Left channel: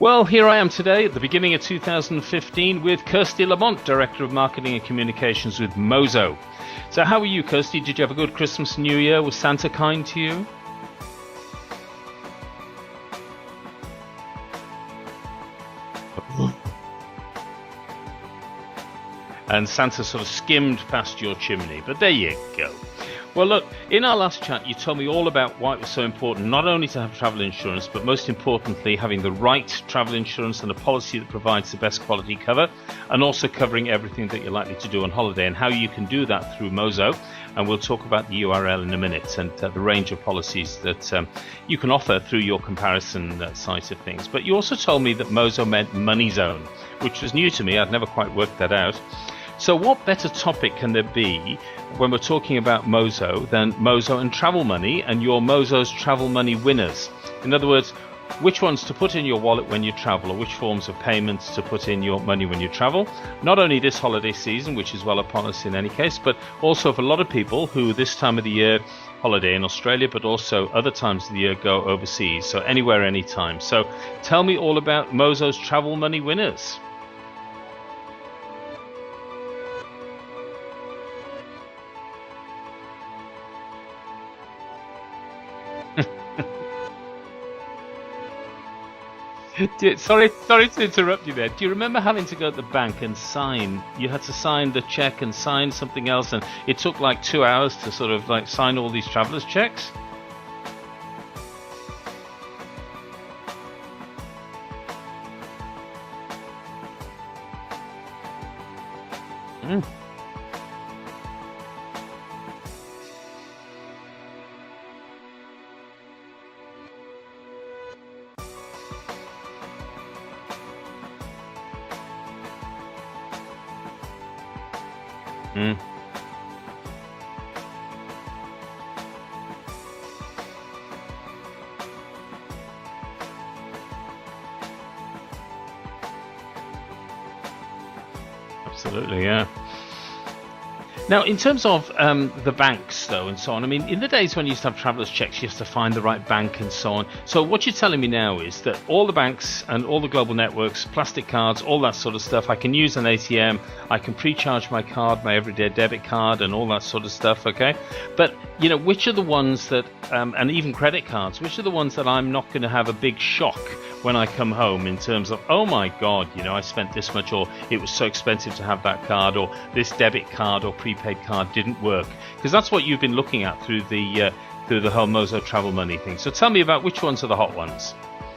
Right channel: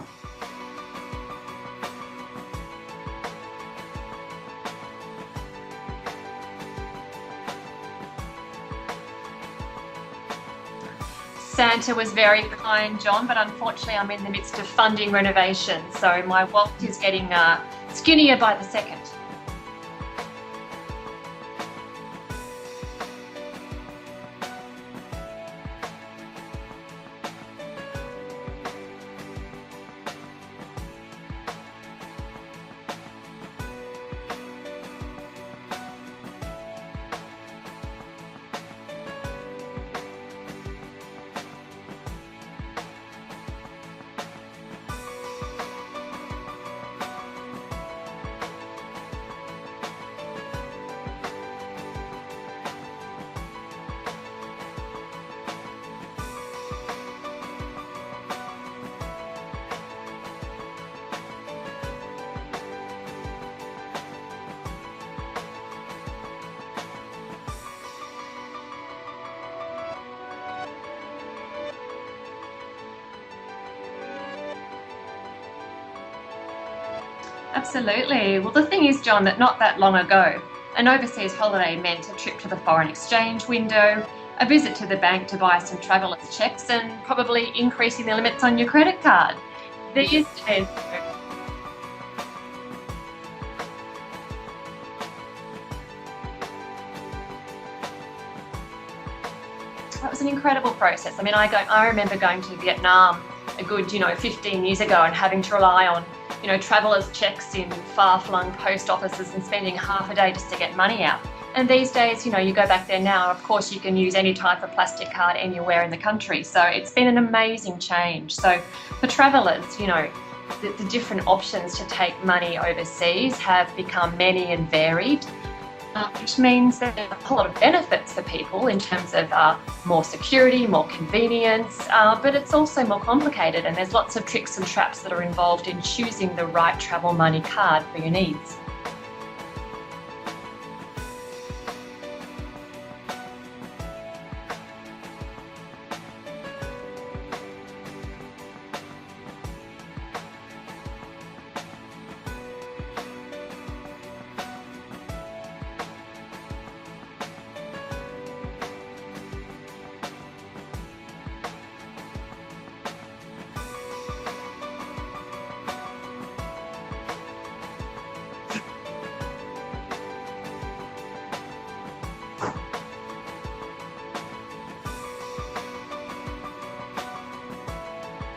Well, here I am today at the beginning of 2015 with Kirsty Lamont, Director of Marketing and Communications with Mozo. So how are you, Kirsty? Did you have a good Christmas and New Year? Was Santa kind to you? Santa was very kind, John, but unfortunately I'm in the midst of funding renovations, so my wallet is getting skinnier by the second. And Santa sort of skimmed past your chimney, but there you go. Well, look, in our last chat, you told me all about why it was so important not only to have travel insurance, but most importantly, having the right travel insurance and a policy that provides the best quality cover, and also covering everything that you're likely to do on holiday and how you can do that through Mozo. And we'll talk about the URL in a minute and the range of policies that you can offer through your comparison side of things. But you also told me that Mozo meant Money Zone, which was new to me. I'd never quite worked that out. So what better topic can there be when we're talking about Mozo than Mozo and Travel Money and your Mozo's Travel Money winners? In other words, which ones to put in your wallet when you travel, or which forms of payments to put in your money when you travel. Not only this holiday season, which is well upon us in any case, but also for a lot of people who this time of the year holiday in Australia, but also other times of the year go overseas, so anywhere, anytime. So tell me all about Mozo's Travel Money winners. Absolutely. Well, the thing is, John, that not that long ago, an overseas holiday meant a trip to the foreign exchange window, a visit to the bank to buy some traveller's checks, and probably increasing the limits on your credit card. Sorry to interrupt you there. Do you remember having to go to the bank and sign? You had to sign the check and sign something else, and it took like 2 hours to sort of like sign all these traveller's checks? That was an incredible process. I mean, I remember going to Vietnam a good, 15 years ago and having to rely on, traveller's checks in far-flung post offices and spending half a day just to get money out. And these days, you go back there now, of course you can use any type of plastic card anywhere in the country. So it's been an amazing change. So for travellers, the different options to take money overseas have become many and varied, which means that there are a whole lot of benefits for people in terms of more security, more convenience, but it's also more complicated, and there's lots of tricks and traps that are involved in choosing the right travel money card for your needs. Absolutely, yeah. Now, in terms of the banks, though, and so on, I mean, in the days when you used to have traveller's checks, you used to find the right bank and so on. So what you're telling me now is that all the banks and all the global networks, plastic cards, all that sort of stuff, I can use an ATM, I can pre-charge my card, my everyday debit card, and all that sort of stuff, okay? But, which are the ones that, and even credit cards, which are the ones that I'm not going to have a big shock when I come home in terms of, oh my God, I spent this much, or it was so expensive to have that card, or this debit card or prepaid card didn't work? Because that's what you've been looking at through the whole Mozo Travel Money thing. So tell me about which ones are the hot ones.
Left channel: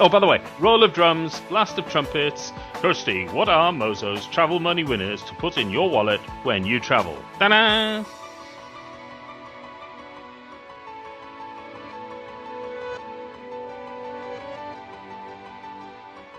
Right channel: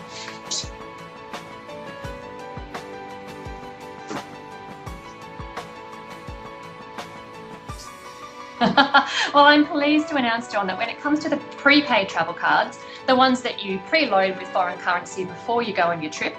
Oh, by the way, roll of drums, blast of trumpets. Kirsty, what are Mozo's Travel Money winners to put in your wallet when you travel? Ta-da! Well, I'm pleased to announce, John, that when it comes to the prepaid travel cards, the ones that you preload with foreign currency before you go on your trip,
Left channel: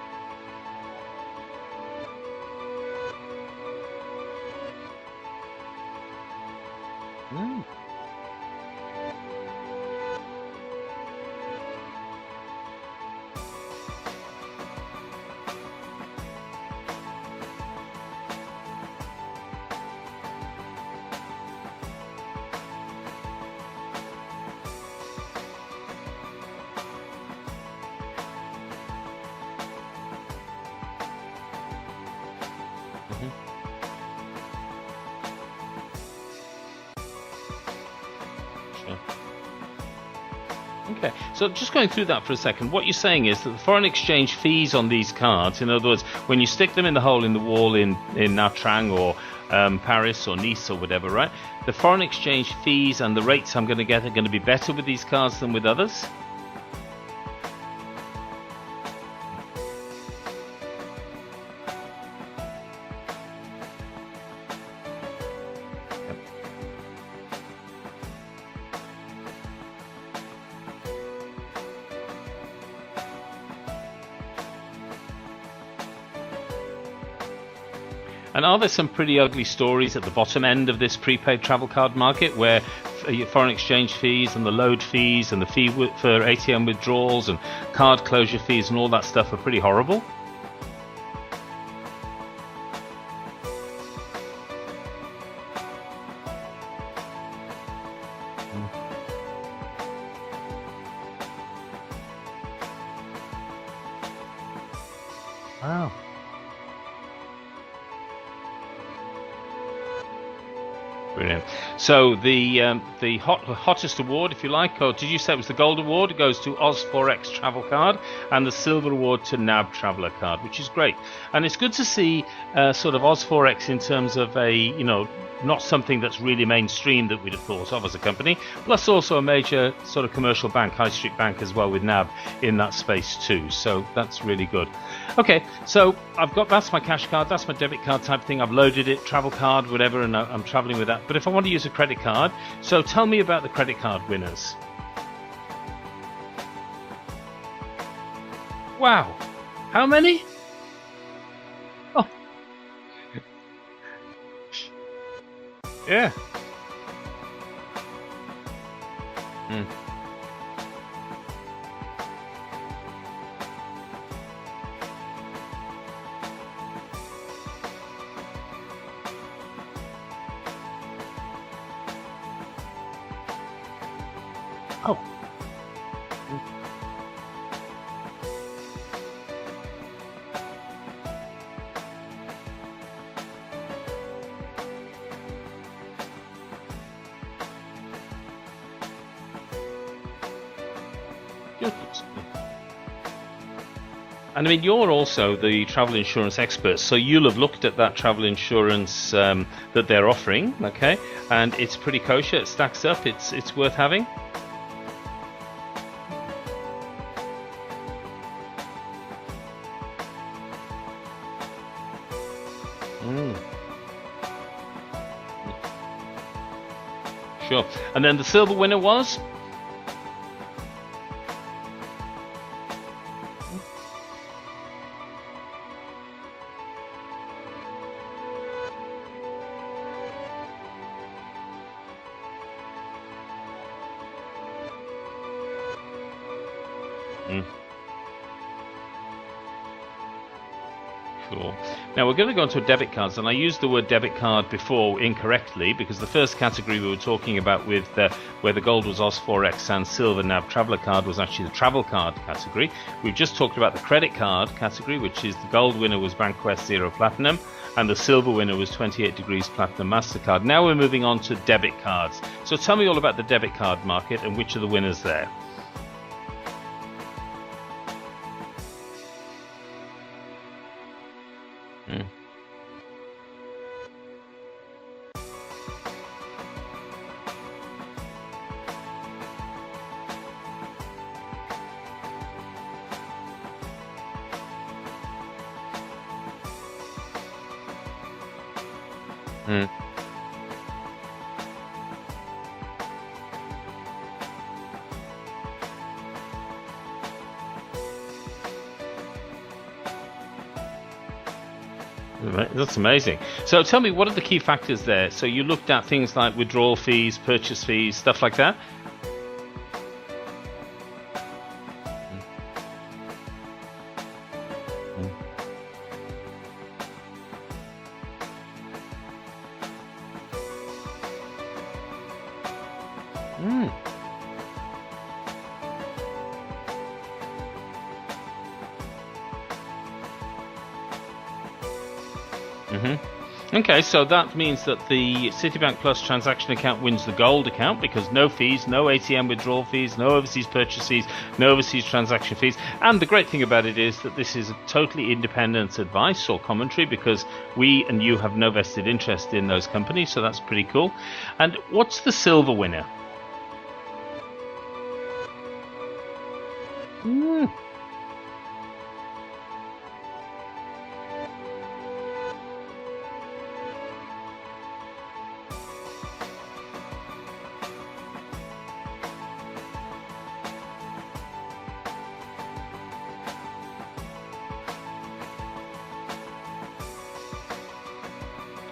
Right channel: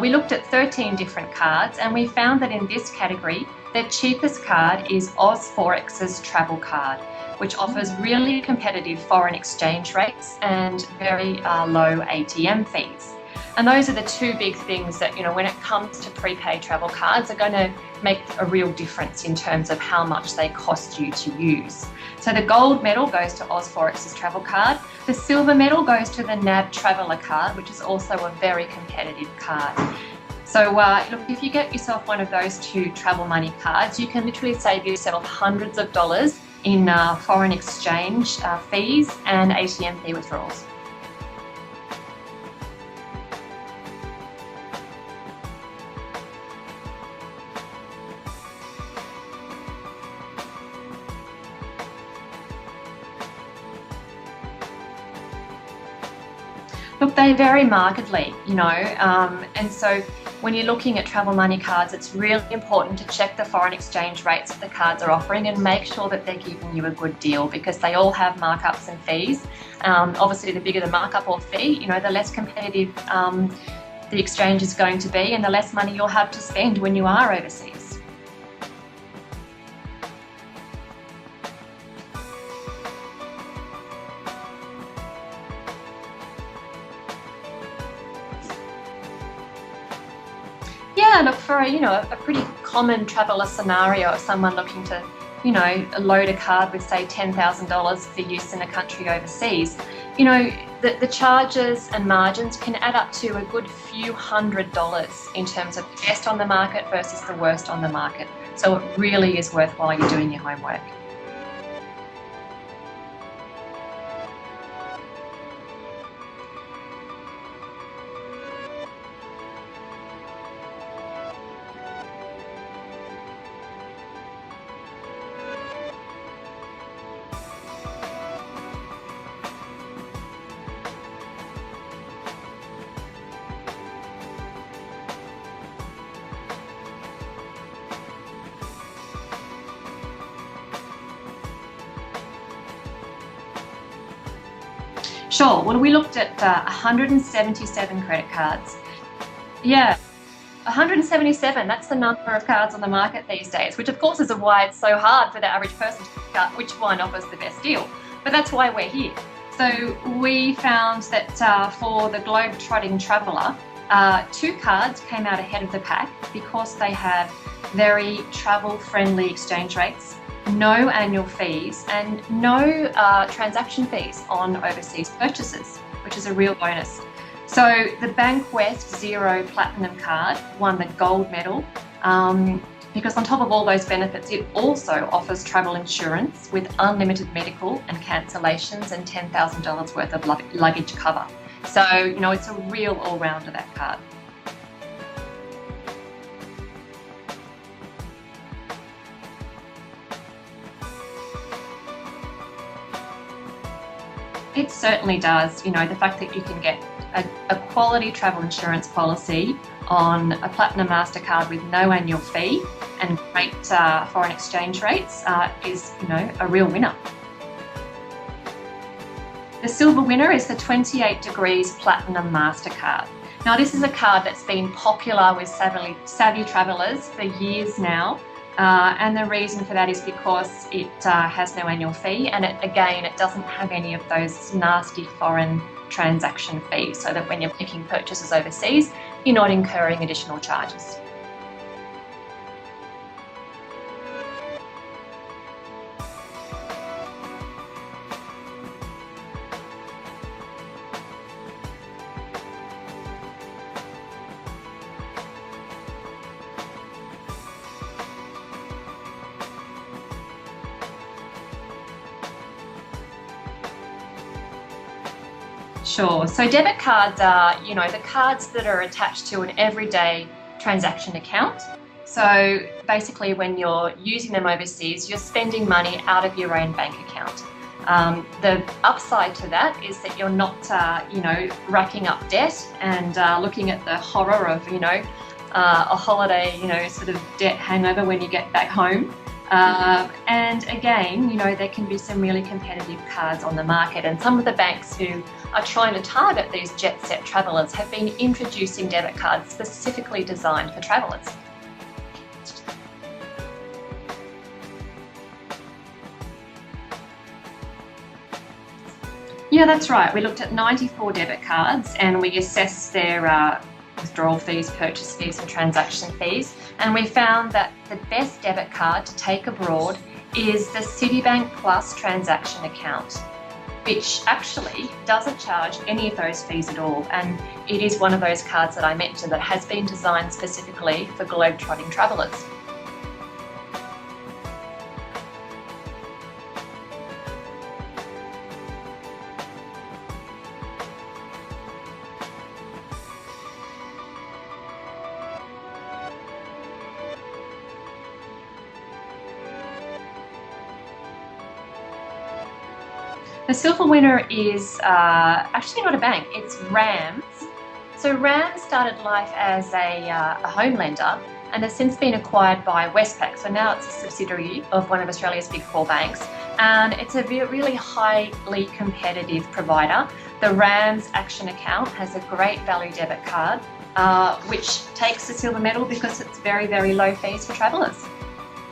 we looked at 13 different cards, and we found that in this category, the cheapest card is OzForex's travel card, which offers really competitive foreign exchange rates and very low ATM fees. And those are the two big things that, when it comes to prepaid travel cards, are going to make a real difference in terms of how much they cost you to use. So the gold medal goes to OzForex's travel card. The silver medal goes to the NAB Traveller card, which is also a very competitive card. So look, if you get yourself one of those two travel money cards, you can literally save yourself hundreds of dollars in foreign exchange fees and ATM fee withdrawals. Okay, so just going through that for a second, what you're saying is that the foreign exchange fees on these cards, in other words, when you stick them in the hole in the wall in Nha Trang or Paris or Nice or whatever, right? The foreign exchange fees and the rates I'm going to get are going to be better with these cards than with others? Look, they vary markedly, and so when you're looking at travel money cards, it's really important to check the foreign exchange rates that the cards are offering and make sure that they're giving you a good deal, because they all have markups and fees. Obviously, the bigger the markup or fee, the less competitive the exchange is going to be, and the less money you'll have to spend when you are overseas. And are there some pretty ugly stories at the bottom end of this prepaid travel card market where foreign exchange fees and the load fees and the fee for ATM withdrawals and card closure fees and all that stuff are pretty horrible? Yeah, look, for a pretty common traveller scenario of someone looking to load a card with, say, $10,000 for use in a country overseas, the charges and margins can add up to a good few $100s in terms of the best on the market versus the worst on the market. So it really is worthwhile you doing your homework. Brilliant. So the hottest award, if you like, or did you say it was the Gold Award? It goes to Oz4X Travel Card, and the Silver Award to NAB Traveller Card, which is great. And it's good to see sort of Oz4X in terms of a, not something that's really mainstream that we'd have thought of as a company, plus also a major sort of commercial bank, high street bank as well, with NAB in that space too. So that's really good. Okay, so that's my cash card, that's my debit card type thing. I've loaded it, travel card, whatever, and I'm traveling with that. But if I want to use a credit card, so tell me about the credit card winners. Sure. Well, we looked at 177 credit cards. Wow. Yeah. How many? 177, that's the number of cards on the market these days, which of course is why it's so hard for the average person to figure out which one offers the best deal. But that's why we're here. So we found that for the globe-trotting traveller, 2 cards came out ahead of the pack because they have very travel-friendly exchange rates, no annual fees, and no transaction fees on overseas purchases, which is a real bonus. So the Bankwest Zero Platinum card won the gold medal because on top of all those benefits, it also offers travel insurance with unlimited medical and cancellations and $10,000 worth of luggage cover. So, it's a real all-rounder, that card. And I mean, you're also the travel insurance expert, so you'll have looked at that travel insurance that they're offering, okay? And it's pretty kosher, it stacks up, it's worth having? It certainly does. The fact that you can get a quality travel insurance policy on a Platinum MasterCard with no annual fee and great foreign exchange rates is, a real winner. Sure. And then the silver winner was? The silver winner is the 28 Degrees Platinum MasterCard. Now, this is a card that's been popular with savvy travellers for years now. And the reason for that is because it has no annual fee, and it doesn't have any of those nasty foreign transaction fees, so that when you're making purchases overseas, you're not incurring additional charges. Cool. Now we're going to go into debit cards, and I used the word debit card before incorrectly because the first category we were talking about with where the gold was Oz4X and silver NAB Traveller Card was actually the travel card category. We've just talked about the credit card category, which is the gold winner was Bankwest Zero Platinum and the silver winner was 28 Degrees Platinum MasterCard. Now we're moving on to debit cards. So tell me all about the debit card market and which are the winners there. Sure. So debit cards are, the cards that are attached to an everyday transaction account. So basically when you're using them overseas, you're spending money out of your own bank account. The upside to that is that you're not, racking up debt and looking at the horror of, a holiday, sort of debt hangover when you get back home. And again, there can be some really competitive cards on the market, and some of the banks who are trying to target these jet-set travellers have been introducing debit cards specifically designed for travellers. That's amazing. So tell me, what are the key factors there? So you looked at things like withdrawal fees, purchase fees, stuff like that? Yeah, that's right. We looked at 94 debit cards and we assessed their withdrawal fees, purchase fees and transaction fees, and we found that the best debit card to take abroad is the Citibank Plus transaction account, which actually doesn't charge any of those fees at all, and it is one of those cards that I mentioned that has been designed specifically for globe-trotting travellers. Okay, so that means that the Citibank Plus transaction account wins the gold account because no fees, no ATM withdrawal fees, no overseas purchase fees, no overseas transaction fees. And the great thing about it is that this is totally independent advice or commentary because we and you have no vested interest in those companies, so that's pretty cool. And what's the silver winner? The silver winner is actually not a bank, it's RAMS. So RAMS started life as a home lender and has since been acquired by Westpac. So now it's a subsidiary of one of Australia's big four banks. And it's a really highly competitive provider. The RAMS Action Account has a great value debit card, which takes the silver medal because it's very, very low fees for travellers.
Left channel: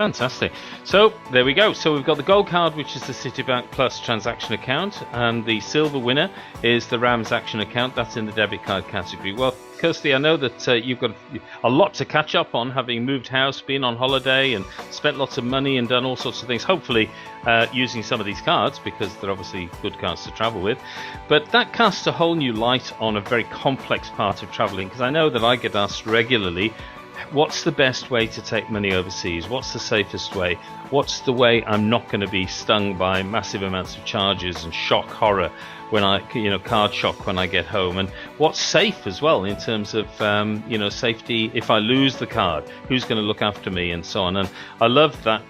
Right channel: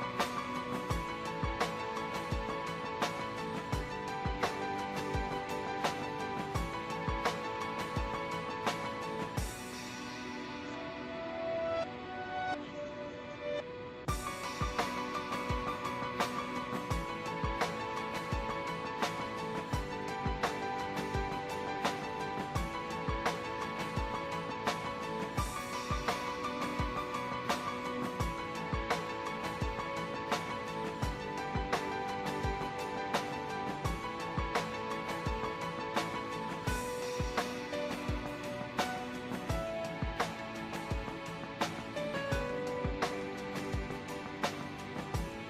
Fantastic. So there we go. So we've got the gold card, which is the Citibank Plus transaction account, and the silver winner is the Rams Action account. That's in the debit card category. Well, Kirsty, I know that you've got a lot to catch up on, having moved house, been on holiday, and spent lots of money and done all sorts of things. Hopefully, using some of these cards, because they're obviously good cards to travel with. But that casts a whole new light on a very complex part of traveling, because I know that I get asked regularly, what's the best way to take money overseas? What's the safest way? What's the way I'm not going to be stung by massive amounts of charges and shock horror when card shock when I get home? And what's safe as well in terms of, safety if I lose the card? Who's going to look after me and so on? And I love that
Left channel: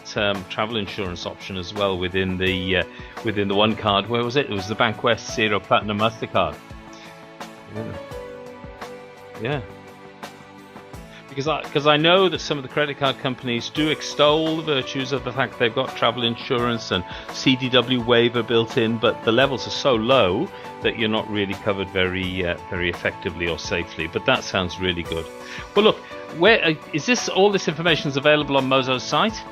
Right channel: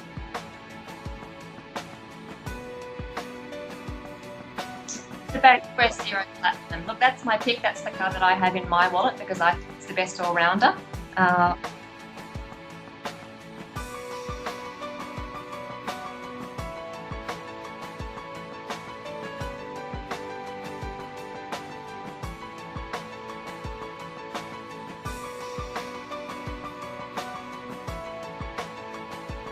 travel insurance option as well within the one card. Where was it? It was the Bankwest Zero Platinum Mastercard. Look, that's my pick. That's the card that I have in my wallet because I think it's the best all-rounder. Because I know that some of the credit card companies do extol the virtues of the fact they've got travel insurance and CDW waiver built in, but the levels are so low that you're not really covered very effectively or safely. But that sounds really good. Well, look, where is all this information is available on Mozo's site?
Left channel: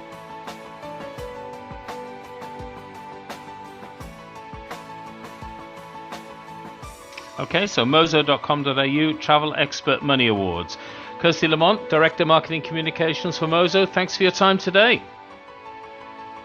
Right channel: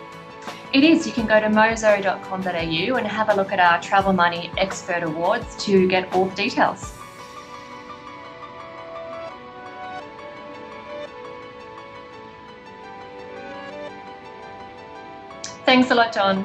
It is. You can go to mozo.com.au and have a look at our Travel Money Expert Awards to get all the details. Okay, so mozo.com.au, Travel Expert Money Awards. Kirsty Lamont, Director Marketing Communications for Mozo, thanks for your time today. Thanks a lot, John.